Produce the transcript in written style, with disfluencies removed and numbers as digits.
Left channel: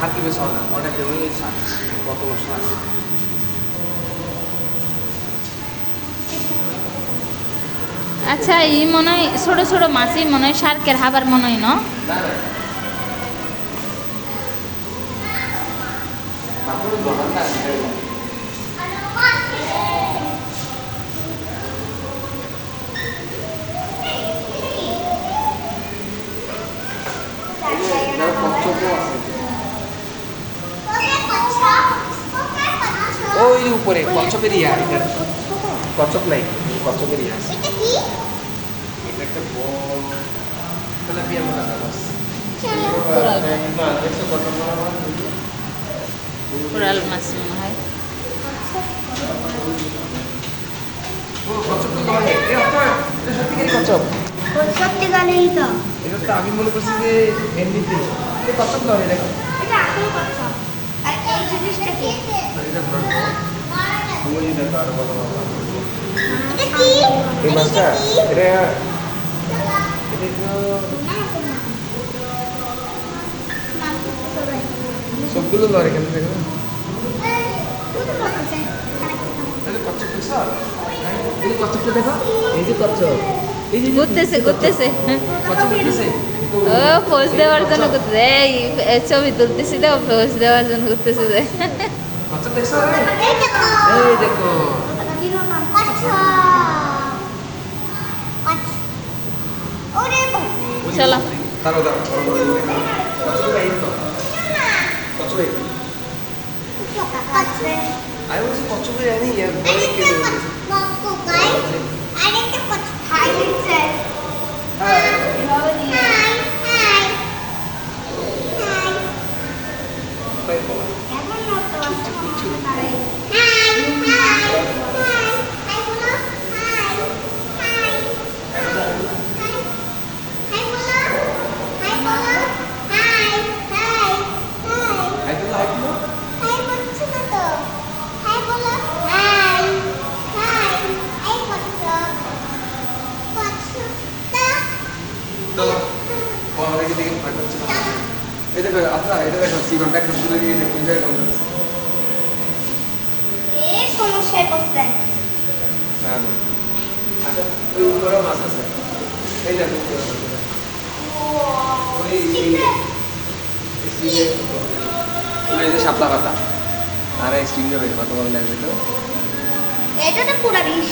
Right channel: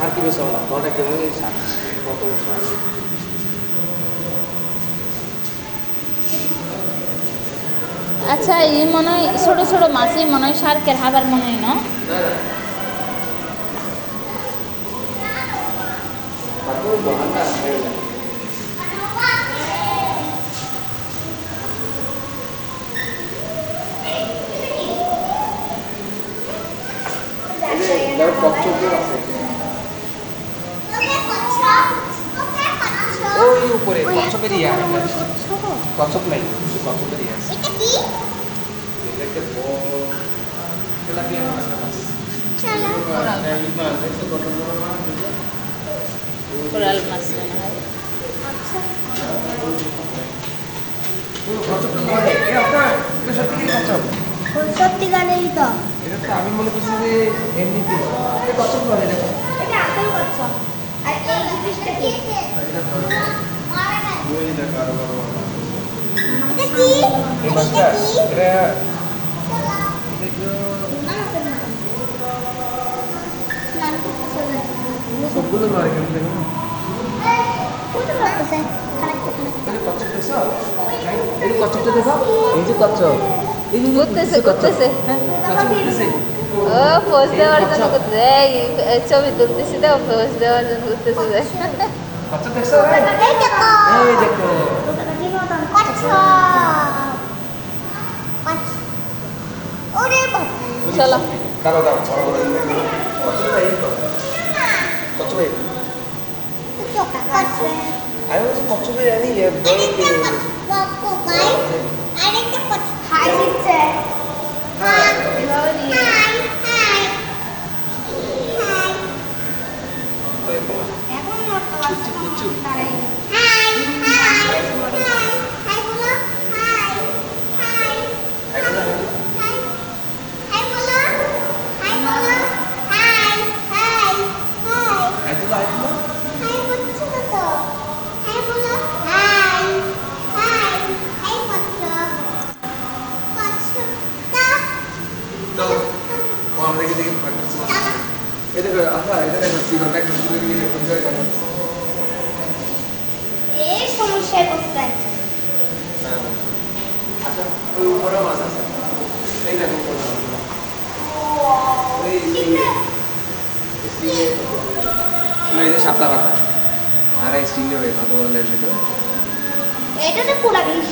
শান্তি বেশ হওয়া ঘরে যেমন কত বছর আচ্ছা এই মনে হয় ছোট ছোট মাছই মনে হয় শার্কের হাবার মনে হয় না না না তারপর দোকানটা কচ্ছপও আছে ওই উপরে কচ্ছপের ইয়া কচ্ছপ নাই কচ্ছপের ইয়া আছে এটা একটা বড় তেলাপিয়া মাছ কোরাল না দেখছো কত বড় কোরাল মাছ মনে হয় ও কচ্ছপ তো নয় এটা সত্যিকারের কচ্ছপ সত্যিকারেরই তো এটা তো আমি মনে করছি যে এমনিতে এটা কচ্ছপ নয় এটা এটা আসল কচ্ছপ আর এই জিনিসটা কি এটা বড় ওই দেখো আরো বড় বড় মাছ আছে। এটা কি এই মাছটা এটা এটা স্নান করতেছে সবগুলো নয় এখানে দেখো কোথায় করতেছে এটা কচ্ছপ দেখছো এই কচ্ছপটা দেখো এই যে কচ্ছপ এই যে ঘুরতেছে ঘুরতেছে কচ্ছপ উঠতেছে ও পোজ দেওয়ার জন্য ঘুরতেছে এই ছবি তুলতেছি তো পোজ দেওয়ার জন্য ঘুরতেছে যে কচ্ছপ দেখছো এই দেখো এই দেখো কচ্ছপ ওরে বাবা চলো দাঁড়াও দাঁড়াও কচ্ছপটা এই তো কচ্ছপ এই কচ্ছপ আমি বলছি কচ্ছপের জানি বড় কে বলেছে বাপু ভাই আরেকটা কচ্ছপ হাই দিচ্ছে হ্যাঁ হাই হাই হাই তাই বলা এখন মতো হাই হাই হাই হাই বলো হাই হাই এখন হাই বলো হাই বলো হাই হাই হাই একদম আইতো হাই বলছো না তো হাই বলো হাই হাই এই কচ্ছপ কচ্ছপটা চলো ও আমাদেরকে দেখে ভাগ করছে এই দেখো আপনার এটা দেখো সিগল ব্যাগ গুলো নিয়ে কোন জায়গায় গেল এই সমস্যায় পড়ছে না না আচ্ছা ওই উপরে মাছ আছে এই দেখো উপরে মাছ আছে। ওই এই যে শাপলা পাতা আর এই স্টিং হয়ে কত বড় লাগবে তো এটা তো পুরা বিষ